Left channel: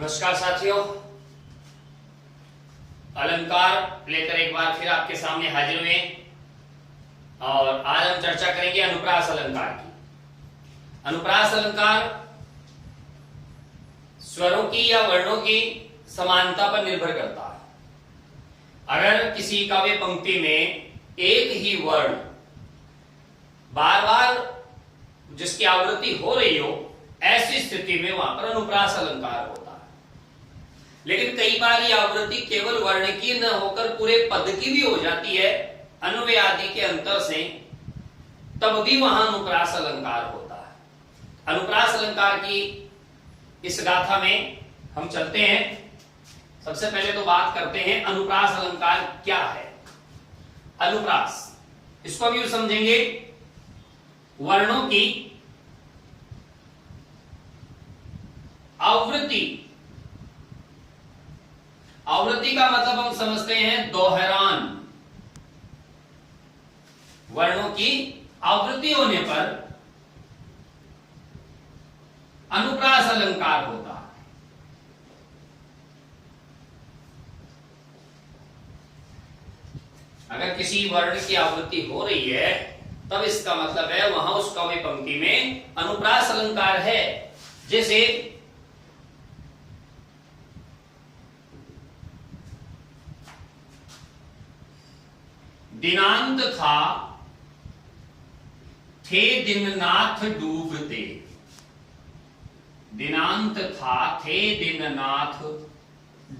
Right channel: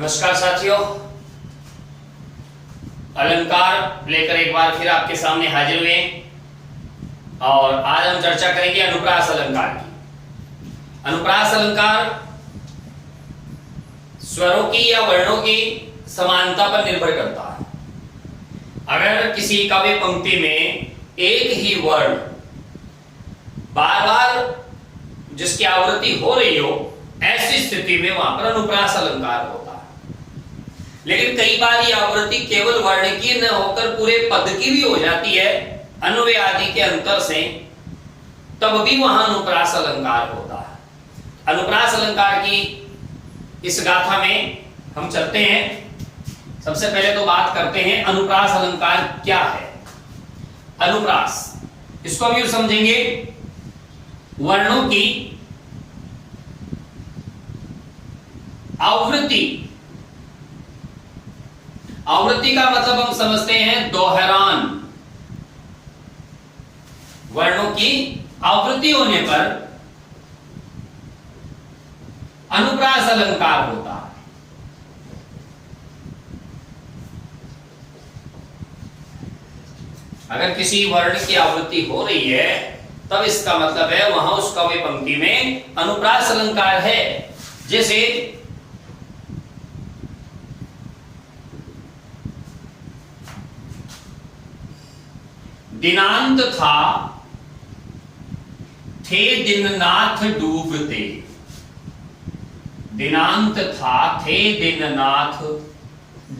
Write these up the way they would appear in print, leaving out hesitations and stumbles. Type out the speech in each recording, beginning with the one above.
नमस्कार साथियों, अलंकार लेकर एक बार फिर आपके सामने हाजिर हुए और आज हम चर्चा करेंगे अनुप्रास अलंकार की। अनुप्रास अलंकार स्वरों की या वर्णों की समानता पर निर्भर करता है। अगर किसी काव्य पंक्ति में एक ही वर्ण बार बार जिसकी आवृत्ति हो रही हो, ऐसी स्थिति में वहां पर अनुप्रास अलंकार होता है। लेकिन कई बार ये आवृत्ति केवल वर्ण की न होकर पूरे पद की भी हो जाती है, अन्वय आदि के अंतर से, तब भी वहां अनुप्रास अलंकार होता है। अनुप्रास अलंकार की इस गाथा में हम चलते हैं। सबसे पहले तो बात करते हैं अनुप्रास अलंकार क्या है। अनुप्रास, इसको भी समझेंगे वर्णों की आवृत्ति। आवृत्ति का मतलब हम समझते हैं दोहरान। वर्णों की आवृत्ति होने पर अनुप्रास अलंकार होता है। अगर किसी वर्ण की आवृत्ति हो रही है तब इसका मतलब है वहां उस काव्य पंक्ति में अनुप्रास अलंकार है। जैसे दिनांत था थे दिननाथ डूबते। दिनांत था थे दिननाथ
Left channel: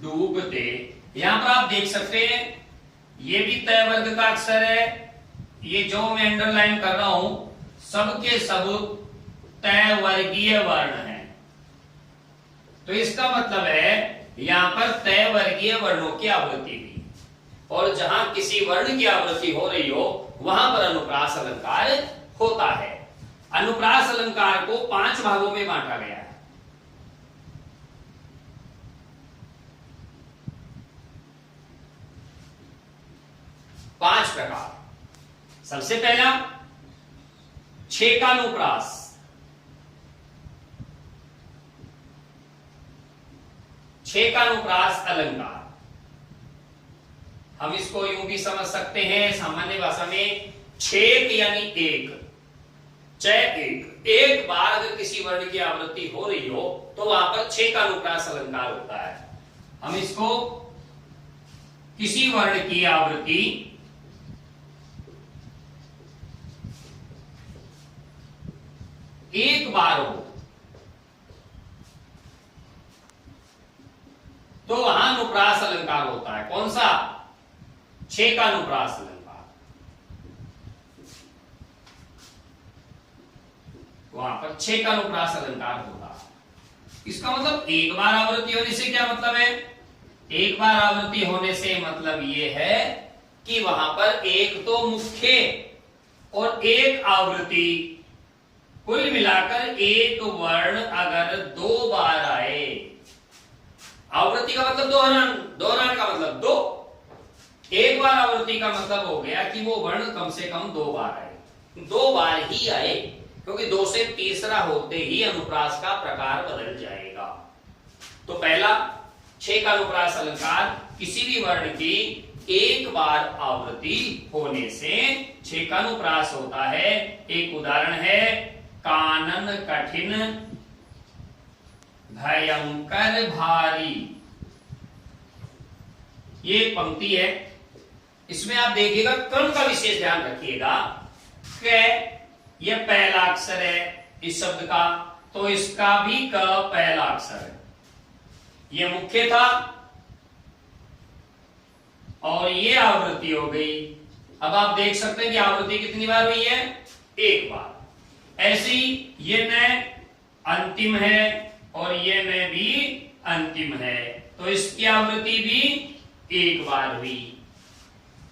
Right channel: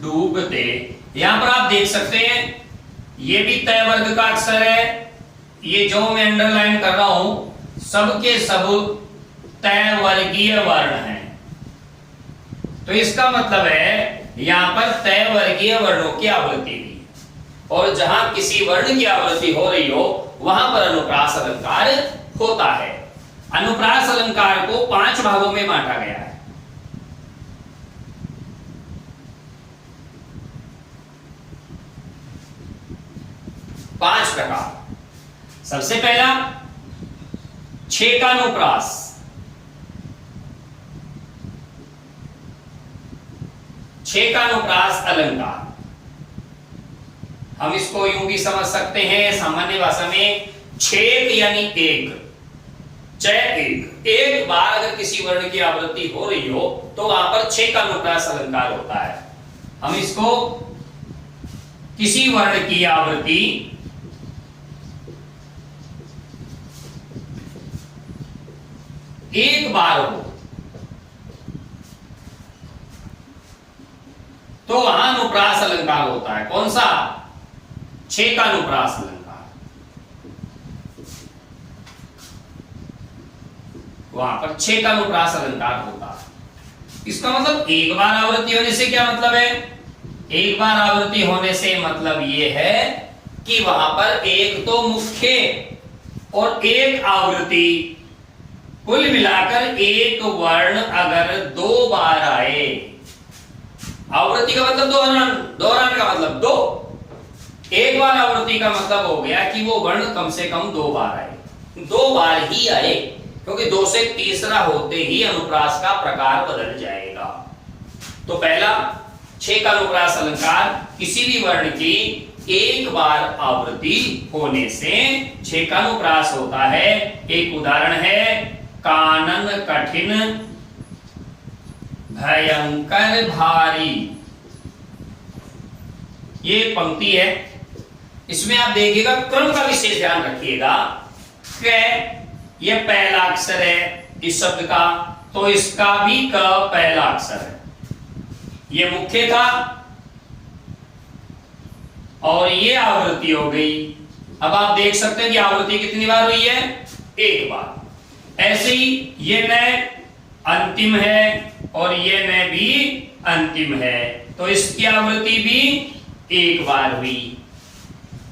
डूबते। यहां पर आप देख सकते हैं ये भी तय वर्ग का अक्षर है। ये जो मैं अंडरलाइन कर रहा हूं सब के सब तय वर्गीय वर्ण हैं। तो इसका मतलब है यहां पर तय वर्गीय वर्णों की आवृत्ति भी, और जहां किसी वर्ण की आवृत्ति हो रही हो वहां पर अनुप्रास अलंकार होता है। अनुप्रास अलंकार को 5 भागों में बांटा गया है। पांच प्रकार। सबसे पहला छेकानुप्रास। छेकानुप्रास अलंकार हम इसको यूं भी समझ सकते हैं सामान्य भाषा में, छेक यानी एक, एक बार अगर किसी वर्ण की आवृत्ति हो रही हो तो वहां पर छेकानुप्रास अलंकार होता है। हम इसको किसी वर्ण की आवृत्ति एक बार हो तो वहां अनुप्रास अलंकार होता है। कौन सा? छेकानुप्रास अलंकार। वहां पर छेकानुप्रास अलंकार होता है। इसका मतलब एक बार आवृत्ति होने से क्या मतलब है? एक बार आवृत्ति होने से मतलब यह है कि वहां पर एक तो मुख्य और एक आवृत्ति, कुल मिलाकर एक वर्ण अगर 2 बार आए, आवृत्ति का मतलब दोहरान, दोहरान का मतलब 2, एक बार आवृत्ति का मतलब हो गया कि वो वर्ण कम से कम 2 बार आए, 2 बार ही आए, क्योंकि 2 से तीसरा होते ही अनुप्रास का प्रकार बदल जाएगा। तो पहला छेकानुप्रास अलंकार, किसी भी वर्ण की एक बार आवृत्ति होने से छेकानुप्रास होता है। एक उदाहरण है कानन कठिन भयंकर भारी। ये पंक्ति है, इसमें आप देखिएगा क्रम का विशेष ध्यान रखिएगा। ये पहला अक्षर है इस शब्द का, तो इसका भी क पहला अक्षर है। ये मुख्य था और ये आवृत्ति हो गई। अब आप देख सकते हैं कि आवृत्ति कितनी बार हुई है? एक बार। ऐसे ही ये न अंतिम है और ये न भी अंतिम है, तो इसकी आवृत्ति भी एक बार हुई।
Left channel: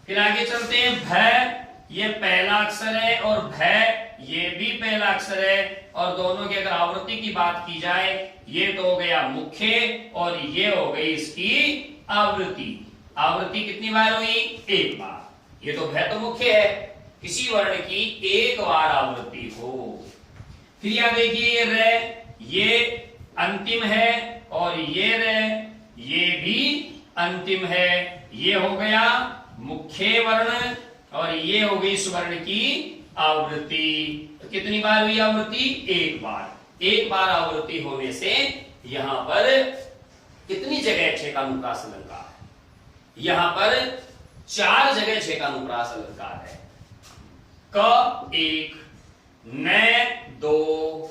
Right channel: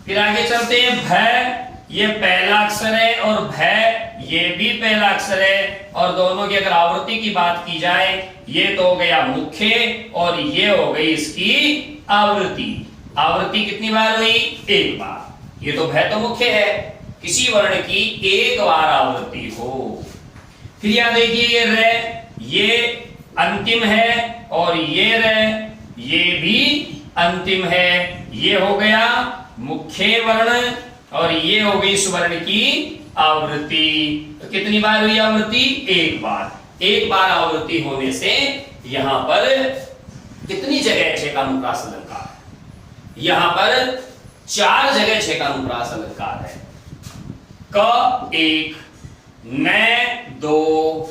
फिर आगे चलते हैं भय, ये पहला अक्षर है और भय ये भी पहला अक्षर है, और दोनों की अगर आवृत्ति की बात की जाए ये तो हो गया मुख्य और ये हो गई इसकी आवृत्ति। आवृत्ति कितनी बार हुई? एक बार। ये तो भय तो मुख्य है, किसी वर्ण की एक बार आवृत्ति हो। फिर यहां देखिए ये रे, ये अंतिम है और ये रे, ये भी अंतिम है। ये हो गया मुख्य वर्ण और ये हो गई स्वर्ण की आवृत्ति। तो कितनी बार हुई आवृत्ति? एक बार। एक बार आवृत्ति होने से यहां पर कितनी जगह छेकानुप्रास अलंकार है? यहां पर 4 जगह छेकानुप्रास अलंकार है। क एक, न दो,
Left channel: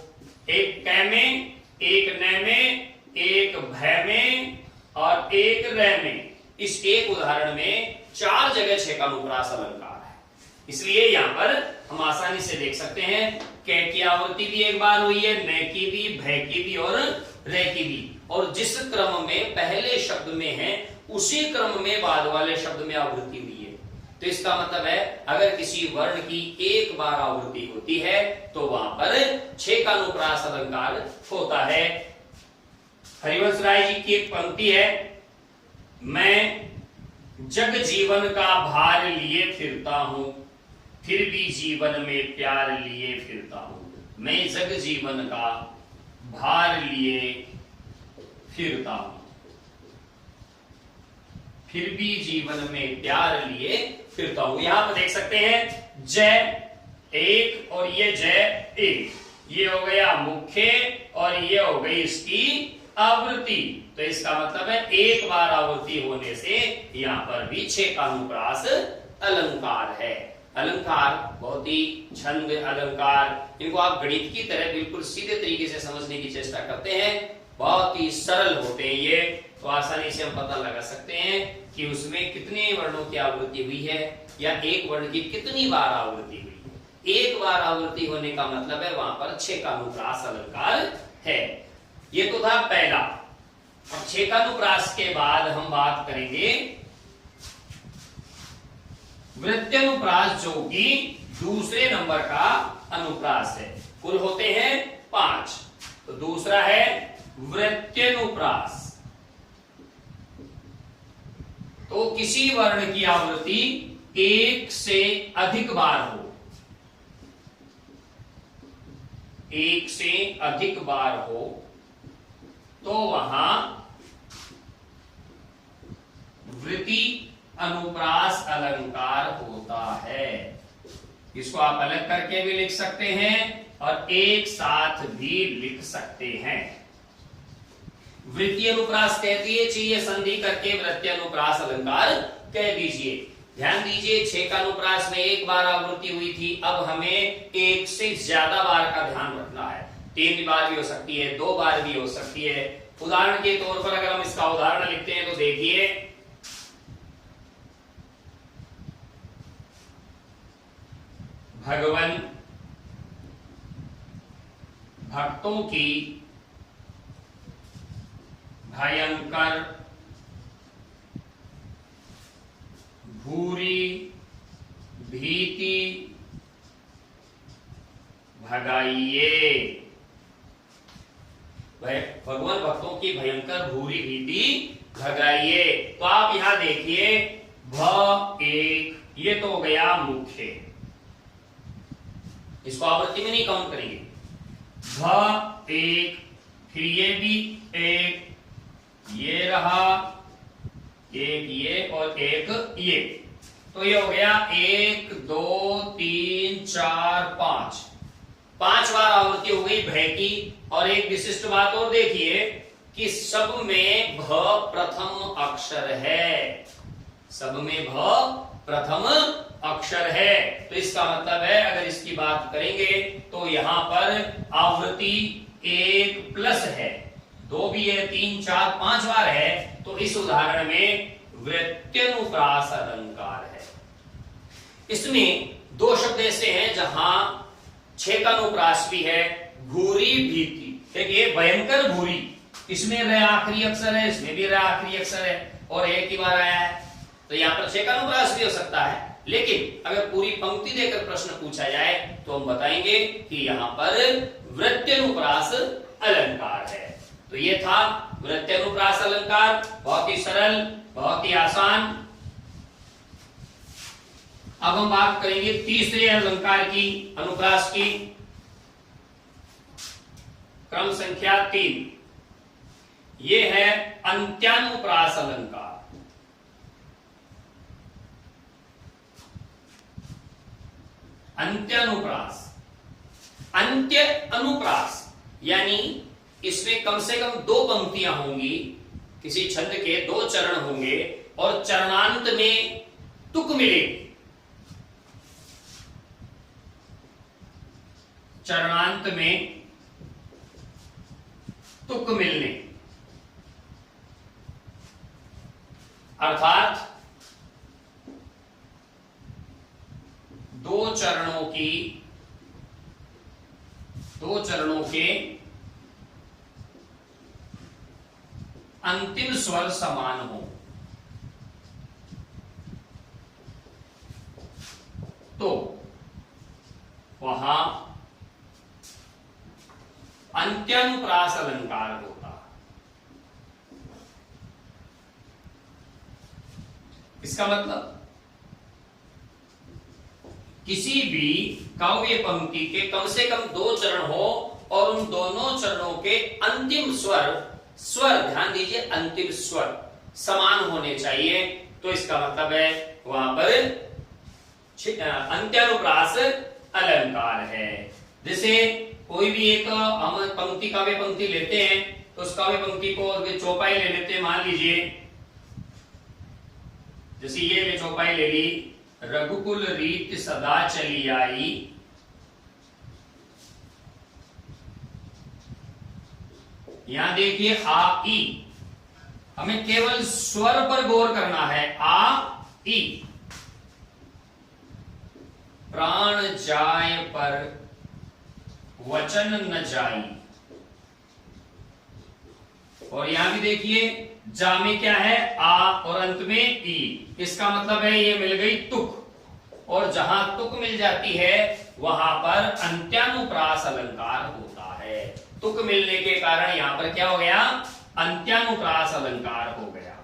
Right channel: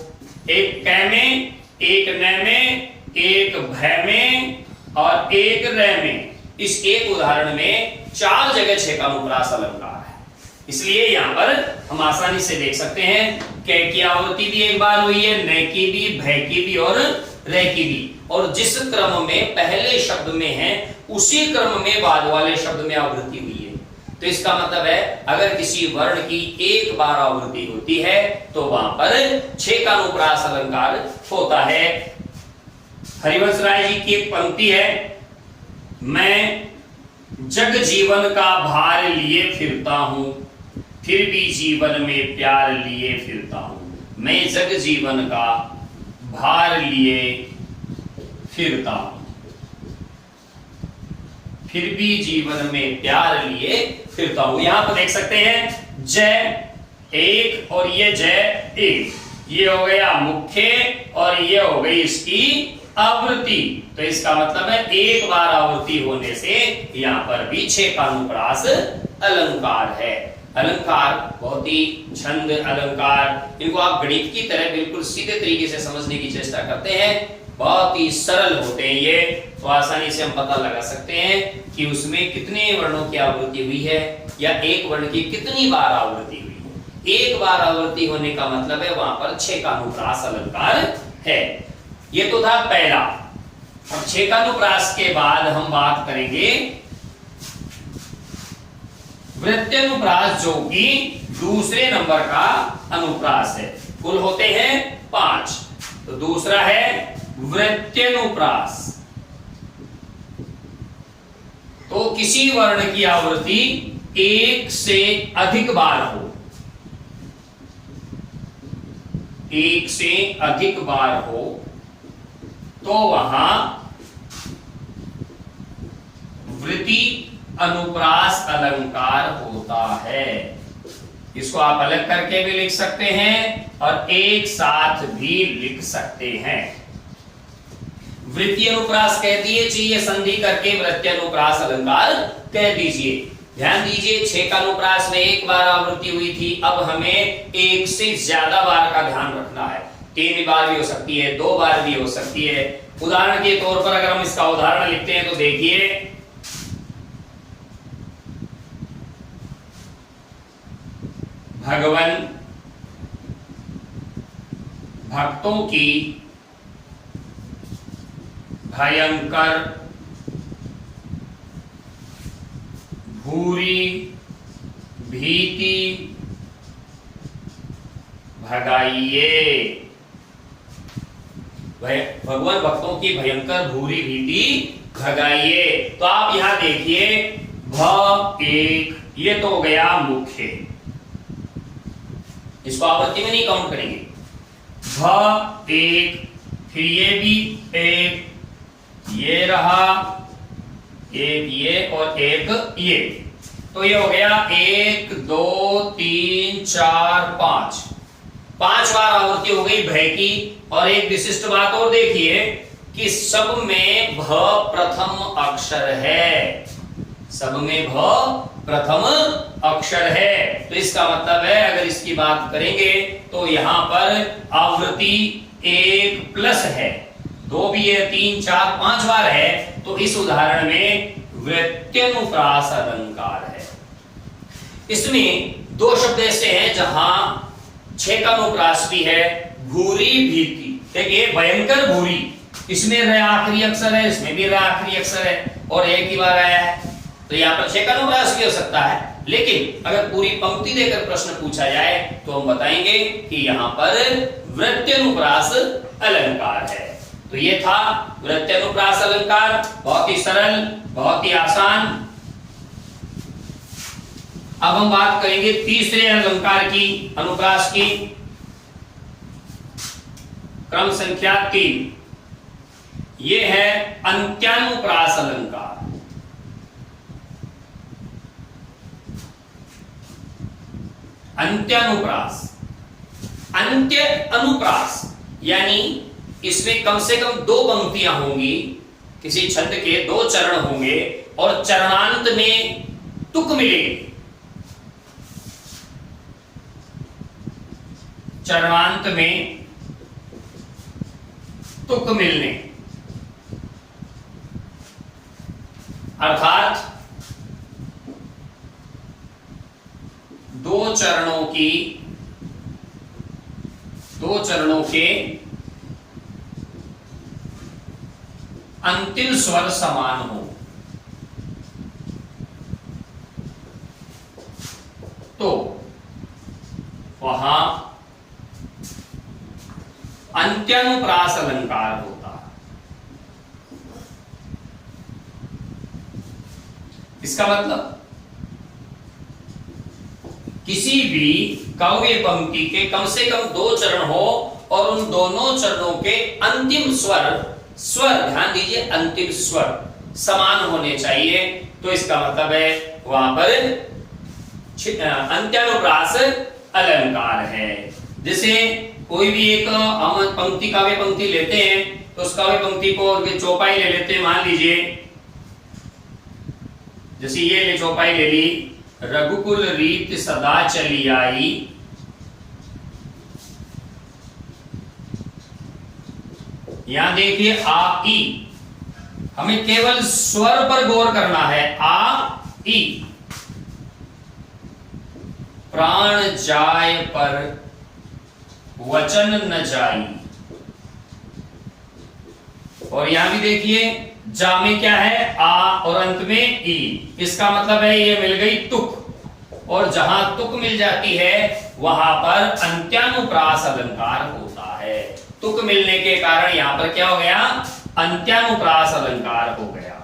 एक कै में, एक न में, एक भय में और एक र में। इस एक उदाहरण में 4 जगह छेकानुप्रास अलंकार है। इसलिए यहां पर हम आसानी से देख सकते हैं कै की आवृत्ति भी एक बार हुई है, न की भी, भय की भी और र की भी। और जिस क्रम में पहले शब्द में है उसी क्रम में बाद वाले शब्द में आवृत्ति हुई है। तो इसका मतलब है अगर किसी वर्ण की एक बार आवृत्ति होती है तो वहां पर छेकानुप्रास अलंकार होता है। हरिवंश राय जी की एक पंक्ति है, मैं जग जीवन का भार लिए फिरता हूं, फिर भी जीवन में प्यार लिए फिरता हूं। मैं जग जीवन का भार लिए फिरता हूं, फिर भी जीवन में प्यार लिए फिरता हूं। यहां पर देख सकते हैं जय एक और ये जय एक, ये हो गया मुख्य और ये हो गई इसकी आवृत्ति। तो इसका मतलब है एक बार आवृत्ति होने से यहां पर भी छेकानुप्रास अलंकार है। अलंकार बहुत ही छंद अलंकार, इनको आप गणित की तरह बिल्कुल सीधे तरीके से समझने की चेष्टा करते हैं, बहुत ही सरल होते हैं ये। तो आसानी से हम पता लगा सकते हैं कि उसमें कितने वर्णों की आवृत्ति हुई है या एक वर्ण की कितनी बार आवृत्ति हुई है। एक बार आवृत्ति होने का मतलब है वहां पर छेकानुप्रास अलंकार है। ये तो था पहला। अब छेकानुप्रास के बाद हम बात करेंगे वृत्त्यनुप्रास, जो कि दूसरे नंबर का अनुप्रास है। कुल होते हैं 5। तो दूसरा है वृत्त्यनुप्रास। तो किसी वर्ण की आवृत्ति एक से अधिक बार हो, एक से अधिक बार हो तो वहां वृत्ति अनुप्रास अलंकार होता है। इसको आप अलग करके भी लिख सकते हैं और एक साथ भी लिख सकते हैं। वृत्ति अनुप्रास कह दिए, चाहिए संधि करके वृत्ति अनुप्रास अलंकार कह दीजिए। ध्यान दीजिए, छेकानुप्रास में एक बार आवृत्ति हुई थी, अब हमें एक से ज्यादा बार का ध्यान रखना है। 3 बार भी हो सकती है, 2 बार भी हो सकती है। उदाहरण के तौर पर अगर हम इसका उदाहरण लिखते हैं तो देखिए, भगवान भक्तों की भयंकर भूरी भीति भगाइए। भगवान भक्तों की भयंकर भूरी भीति भगाइए। तो आप यहां देखिए, भ एक, ये तो हो गया मुख्य, इसको आवृत्ति में नहीं काउंट करेंगे। भ एक, फिर ये भी एक, ये रहा एक, ये और एक ये। तो ये हो गया 1 2 3 4 5, 5 बार आवृत्ति हो गई भय की। और एक विशिष्ट बात और देखिए कि सब में भ प्रथम अक्षर है, सब में भ प्रथम अक्षर है। तो इसका मतलब है अगर इसकी बात करेंगे तो यहां पर आवृत्ति 1 प्लस है, 2 भी है, 3 4 5 बार है। तो इस उदाहरण में वृत्त्यनुप्रास अलंकार है। इसमें 2 शब्द ऐसे हैं जहां छेकानुप्रास भी है, भूरी भीति। देखिए, भयंकर भूरी, इसमें र आखिरी अक्षर है, इसमें भी र आखिरी अक्षर है और एक ही बार आया है। तो यहां पर छेकानुप्रास भी हो सकता है, लेकिन अगर पूरी पंक्ति देकर प्रश्न पूछा जाए तो हम बताएंगे कि यहां पर वृत्त्यनुप्रास अलंकार है। तो ये था वृत्त्यनुप्रास अलंकार, बहुत ही सरल, बहुत ही आसान। अब हम बात करेंगे तीसरे अलंकार की, अनुप्रास की, क्रम संख्या 3। ये है अंत्यानुप्रास अलंकार। अंत्यानुप्रास, अंत्य अनुप्रास यानी इसमें कम से कम 2 पंक्तियां होंगी, किसी छंद के 2 चरण होंगे और चरणांत में तुक मिलेगी। चरणांत में तुक मिलने अर्थात 2 चरणों के अंतिम स्वर समान हो तो वहां अंत्यानुप्रास अलंकार होता। इसका मतलब किसी भी काव्य पंक्ति के कम से कम 2 चरण हो और उन दोनों चरणों के अंतिम स्वर ध्यान दीजिए, अंतिम स्वर समान होने चाहिए, तो इसका मतलब है वहां पर अंत्यानुप्रास अलंकार है। जैसे कोई भी एक हम पंक्ति काव्य पंक्ति लेते हैं तो उस काव्य पंक्ति को चौपाई ले लेते हैं। मान लीजिए जैसे ये ले चौपाई ले ली, रघुकुल रीत सदा चली आई, यहां देखिए आ ई, हमें केवल स्वर पर गौर करना है। आ ई, प्राण जाय पर वचन न जाई, और यहां भी देखिए जा में क्या है आ और अंत में ई, इसका मतलब है ये मिल गई तुक, और जहां तुक मिल जाती है वहां पर अंत्यानुप्रास अलंकार होता है। तुक मिलने के कारण यहां पर क्या हो गया, अंत्यानुप्रास अलंकार हो गया।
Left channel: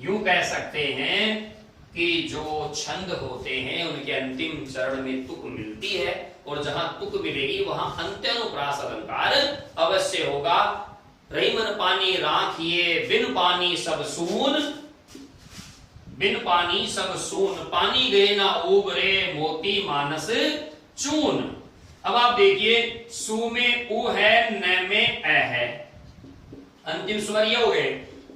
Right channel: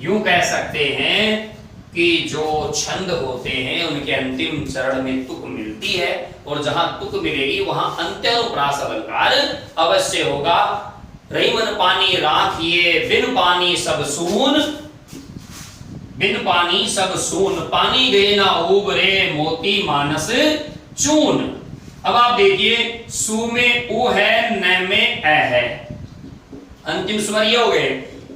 यूं कह सकते हैं कि जो छंद होते हैं उनके अंतिम चरण में तुक मिलती है, और जहां तुक मिलेगी वहां अंत्यानुप्रास अलंकार अवश्य होगा। रहीमन पानी राखिए बिन पानी सब सून, बिन पानी सब सून, पानी दे ना उबरे मोती मानस चून। अब आप देखिए सु में उ है, न में ए है, अंतिम स्वर ये हो गए।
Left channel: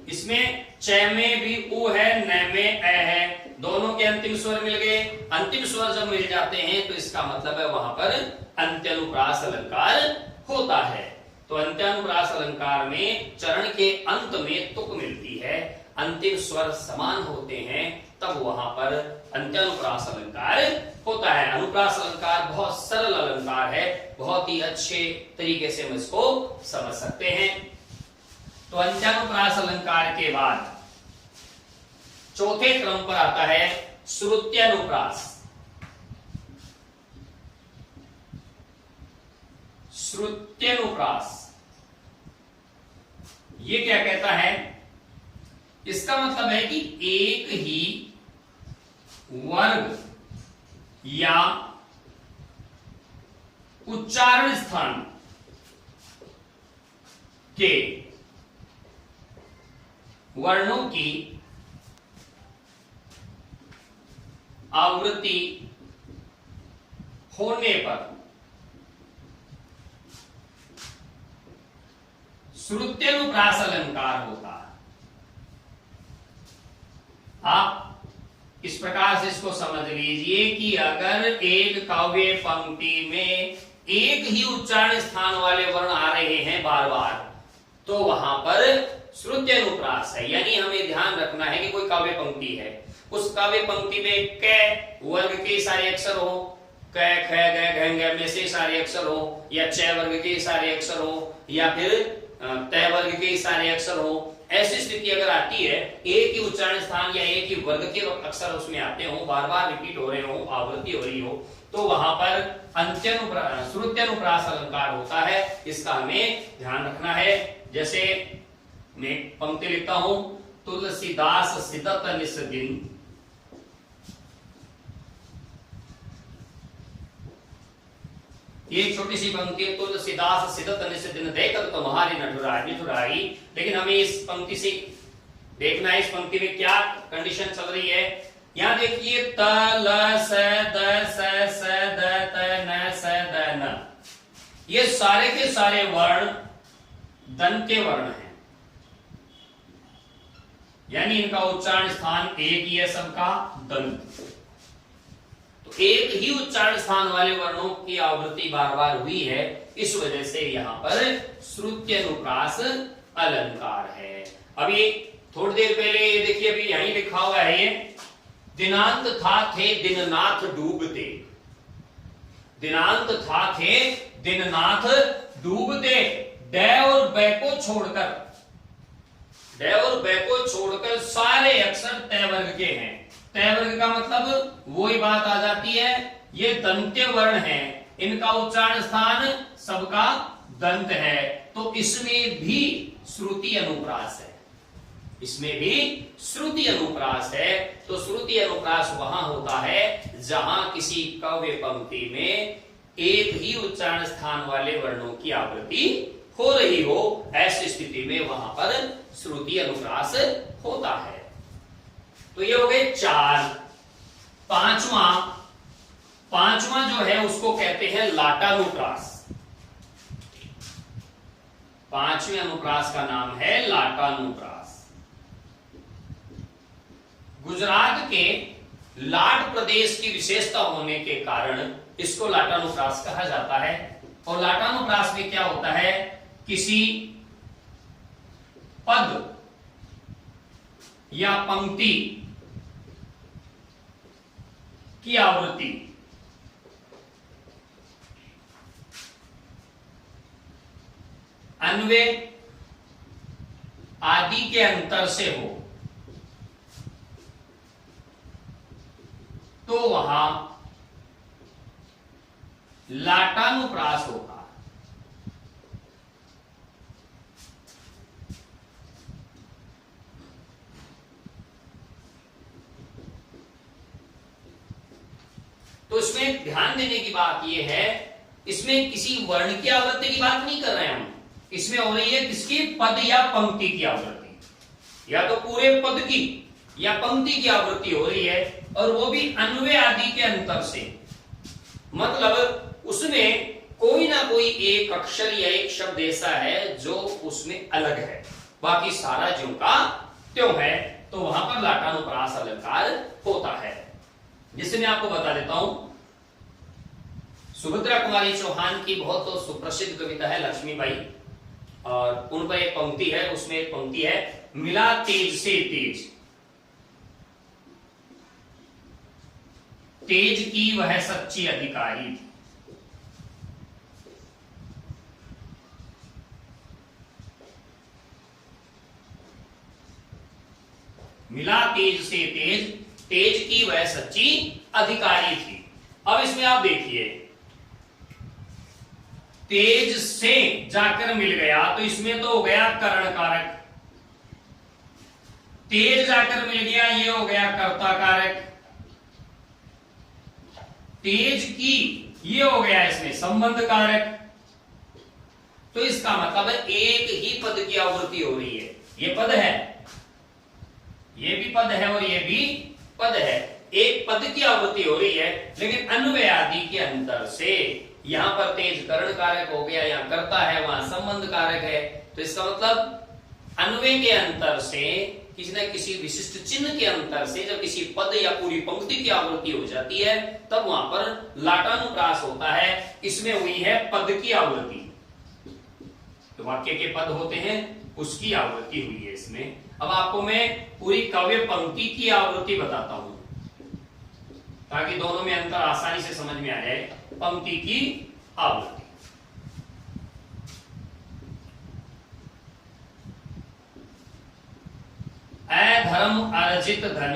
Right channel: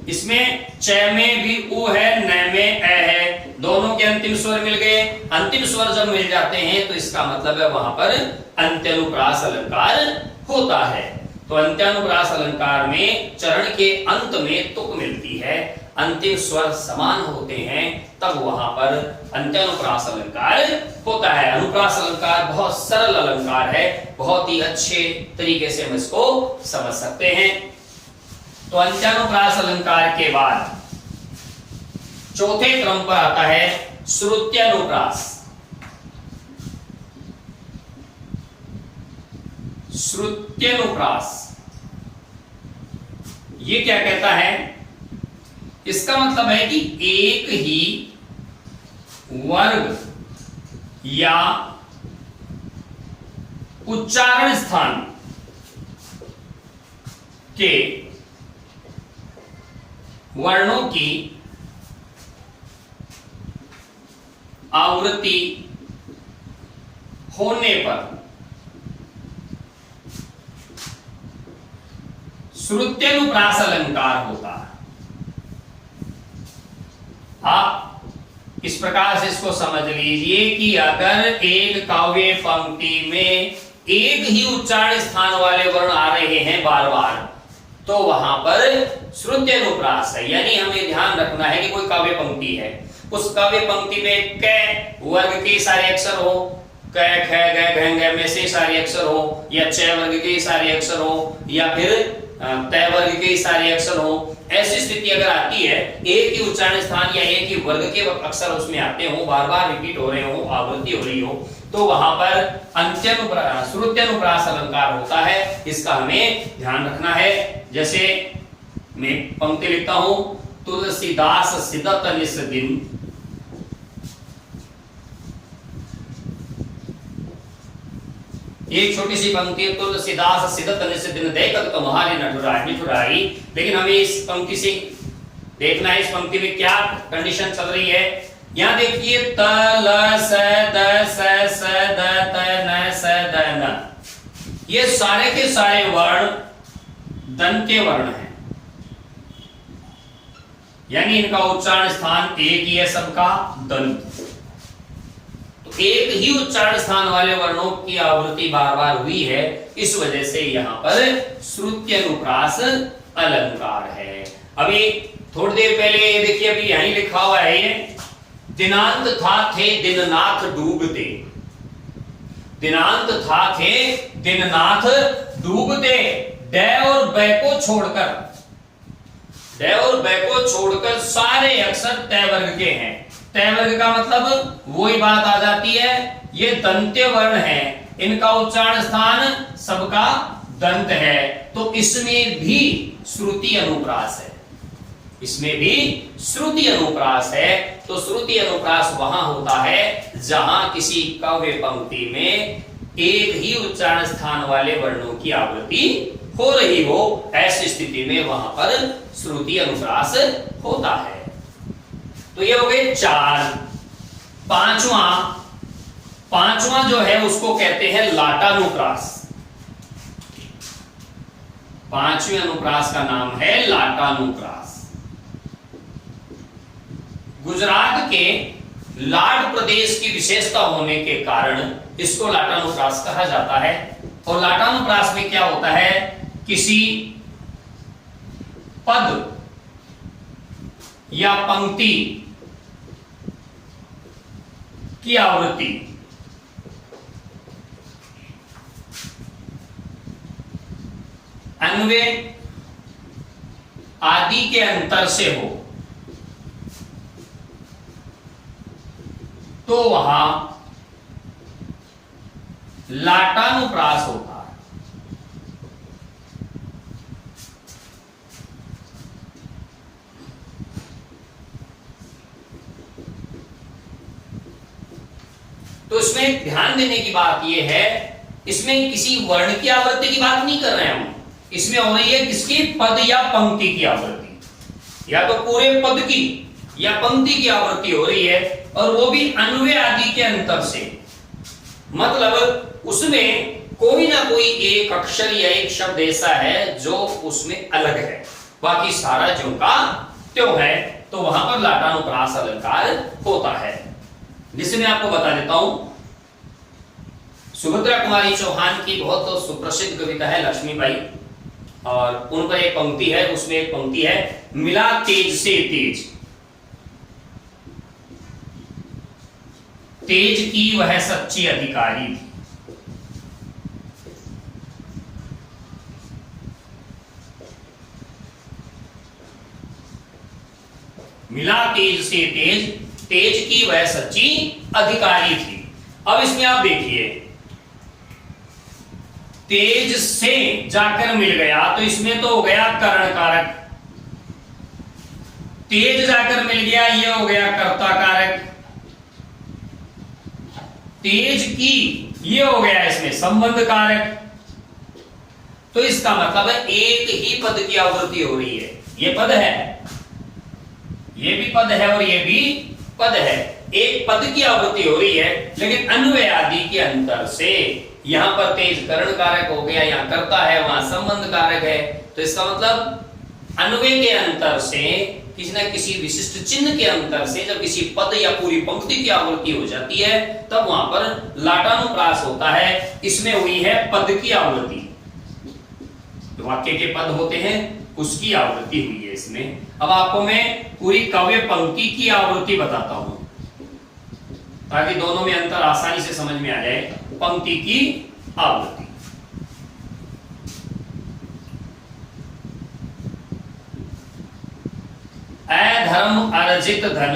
इसमें च में भी उ है, न में ए है, दोनों के अंतिम स्वर मिल गए। अंतिम स्वर जब मिल जाते हैं तो इसका मतलब है वहां पर अंत्यानुप्रास अलंकार होता है। तो अंत्यानुप्रास अलंकार में चरण के अंत में तुक मिलती है, अंतिम स्वर समान होते हैं, तब वहां पर अंत्यानुप्रास अलंकार होता है। अनुप्रास अलंकार बहुत सरल अलंकार है, बहुत ही अच्छे तरीके से हम इसको समझ सकते हैं। तो अंत्यानुप्रास अलंकार के बाद चौथे क्रम पर आता है श्रुत्यानुप्रास। श्रुत्यानुप्रास ये क्या कहता है, इसका मतलब है कि एक ही वर्ग या उच्चारण स्थान के वर्णों की आवृत्ति होने पर श्रुत्यानुप्रास अलंकार होता है। आप इस प्रकार से इसको समझ लीजिए कि अगर एक काव्य पंक्ति में एक ही उच्चारण स्थान वाले वर्ण आ रहे हैं बार बार, तो वहां पर श्रुत्यानुप्रास है। यानी हमें ध्यान रखना है कि कोई काव्य पंक्ति है, उस काव्य पंक्ति में क वर्ग के सारे अक्षर हो, क ख ग घ घ में से सारे अक्षर हो, या च वर्ग के सारे अक्षर हो, या फिर तय वर्ग के सारे अक्षर हो। ऐसी स्थिति अगर आती है, एक ही उच्चारण स्थान या एक ही वर्ग के अक्षर उसमें आते हो, बार बार रिपीट हो रहे हो, आवृत्ति हो रही हो, तो वहां पर श्रुत्यानुप्रास अलंकार होता है। इसका हमें ध्यान रखना है। जैसे मैं पंक्ति लिखता हूं, तुलसीदास सिदत निस दिन, एक छोटी सी पंक्ति है, तुल सिदास सिदत निसिदिन देखत तुम्हारे नठुराई मिठुराई। लेकिन हमें इस पंक्ति से देखना है, इस पंक्ति में क्या कंडीशन चल रही है। यहां देखिए त ल स द स द त न स द न, ये सारे के सारे वर्ण दंत्य वर्ण हैं, यानी इनका उच्चारण स्थान एक ही है, सबका दंत। तो एक ही उच्चारण स्थान वाले वर्णों की आवृत्ति बार बार हुई है, इस वजह से यहां पर श्रुत्यनुप्रास अलंकार है। अभी थोड़ी देर पहले ये देखिए, अभी यहीं लिखा हुआ है, ये दिनांत था थे दिननाथ डूबते, दिनांत था थे दिननाथ डूबते, ड और बै को छोड़कर, ड और बै को छोड़कर सारे अक्षर तय वर्ग के हैं। तय वर्ग का मतलब वही बात आ जाती है, ये दंत्य वर्ण है, इनका उच्चारण स्थान सबका दंत है, तो इसमें भी श्रुति अनुप्रास है, इसमें भी श्रुति अनुप्रास है। तो श्रुति अनुप्रास वहां होता है जहां किसी काव्य पंक्ति में एक ही उच्चारण स्थान वाले वर्णों की आवृत्ति हो रही हो, ऐसी स्थिति में वहां पर श्रुति अनुप्रास होता है। तो ये हो गए चार। पांचवा जो है उसको कहते हैं लाटानुप्रास। पांचवें अनुप्रास का नाम है लाटानुप्रास। गुजरात के लाट प्रदेश की विशेषता होने के कारण इसको लाटानुप्रास कहा जाता है। और लाटानुप्रास में क्या होता है, किसी पद या पंक्ति की आवृत्ति अन्वय आदि के अंतर से हो तो वहां लाटानुप्रास होता है। तो इसमें ध्यान देने की बात यह है, इसमें किसी वर्ण की आवृत्ति की बात नहीं कर रहे हैं हम, इसमें हो रही है किसकी, पद या पंक्ति की आवृत्ति, या तो पूरे पद की या पंक्ति की आवृत्ति हो रही है, और वो भी अन्वय आदि के अंतर से। मतलब उसमें कोई ना कोई एक अक्षर या एक शब्द ऐसा है जो उसमें अलग है, बाकी सारा ज्यों का त्यों है, तो वहां पर लाटानुप्रास अलंकार होता है। जिसे मैं आपको बता देता हूं, सुभद्रा कुमारी चौहान की बहुत सुप्रसिद्ध कविता है लक्ष्मीबाई, और उन पर एक पंक्ति है, उसमें एक पंक्ति है, मिला तेज से तेज, तेज की वह सच्ची अधिकारी थी। मिला तेज से तेज, तेज की वह सच्ची अधिकारी थी। अब इसमें आप देखिए, तेज से जाकर मिल गया, तो इसमें तो हो गया कर्ण कारक, तेज जाकर मिल गया, ये हो गया कर्ता कारक, तेज की ये हो गया इसमें संबंध कारक। तो इसका मतलब है एक ही पद की आवृत्ति हो रही है, ये पद है, ये भी पद है और ये भी पद है, एक पद की आवृत्ति हो रही है, लेकिन अन्वय आदि के अंतर से यहां पर तेज कर्ण कारक हो गया, यहां कर्ता है, वहां संबंध कारक है। तो इसका मतलब अन्वय के अंतर से, किसी न किसी विशिष्ट चिन्ह के अंतर से जब किसी पद या पूरी पंक्ति की आवृत्ति हो जाती है, तब वहां पर लाटानुप्रास होता है। इसमें हुई है पद की आवृत्ति, तो वाक्य के पद होते हैं उसकी आवृत्ति हुई है इसमें। अब आपको मैं पूरी काव्य पंक्ति की आवृत्ति बताता हूं, ताकि दोनों में अंतर आसानी से समझ में आ जाए। पंक्ति की आवृत्ति, अधर्म अर्जित धन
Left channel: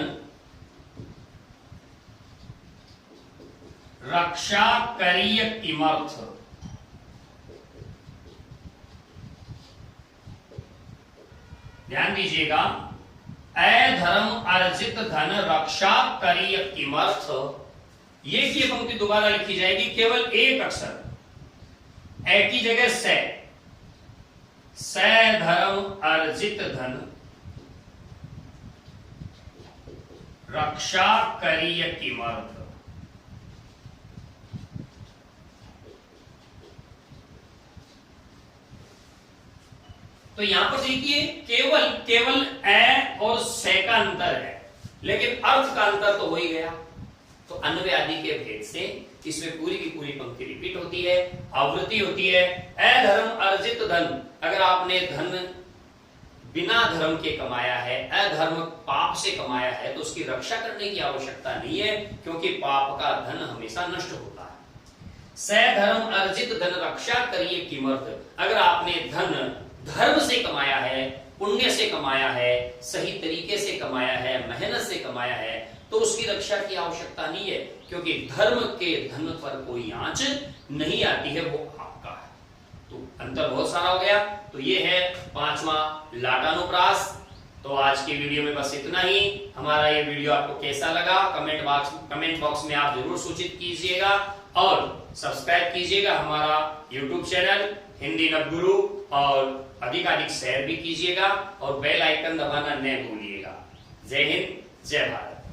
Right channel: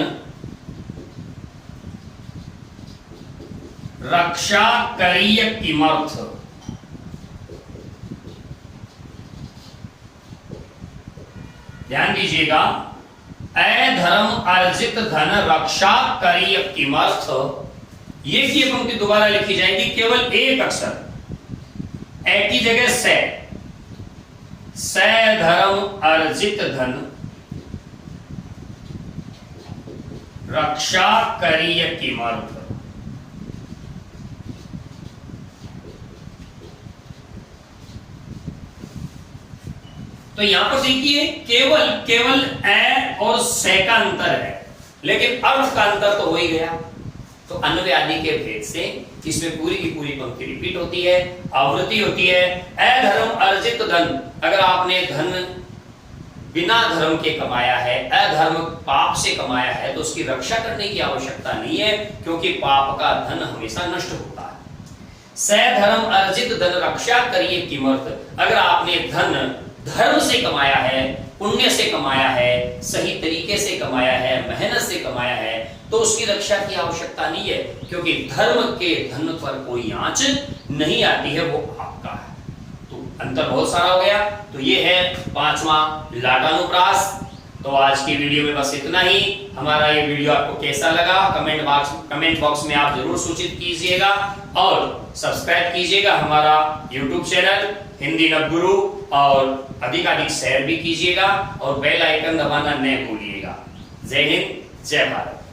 रक्षा करिय किमर्थ, ध्यान दीजिएगा, अधर्म अर्जित धन रक्षा करिय किमर्थ, ये पंक्ति दोबारा लिखी जाएगी, केवल एक अक्षर, ए की जगह से धर्म अर्जित धन रक्षा करिय किमर्थ। तो यहां पर देखिए केवल ए और से का अंतर है, लेकिन अर्थ का अंतर तो हो ही गया। तो अन्वय आदि के भेद से इसमें पूरी की पूरी पंक्ति रिपीट होती है, आवृत्ति होती है। अधर्म अर्जित धन, अगर आपने धन बिना धर्म के कमाया है, अधर्म पाप से कमाया है, तो उसकी रक्षा करने की आवश्यकता नहीं है, क्योंकि पाप का धन हमेशा नष्ट होता है। स धर्म अर्जित धन रक्षा करिए किमर्थ, अगर आपने धन धर्म से कमाया है, पुण्य से कमाया है, सही तरीके से कमाया है, मेहनत से कमाया है, तो उसकी रक्षा की आवश्यकता नहीं है, क्योंकि धर्म के धन पर कोई आंच नहीं आती है, वो आपका है। तो अंतर बहुत सारा हो गया। तो ये है 5वां लाटानुप्रास। तो आज की वीडियो में बस इतना ही। हमारा ये वीडियो आपको कैसा लगा कमेंट बॉक्स में आप जरूर सूचित कीजिएगा, और सब्सक्राइब कीजिएगा हमारा YouTube चैनल हिंदी नवगुरु, और अधिकाधिक शेयर भी कीजिएगा, और बेल आइकन दबाना न भूलिएगा। जय हिंद, जय भारत।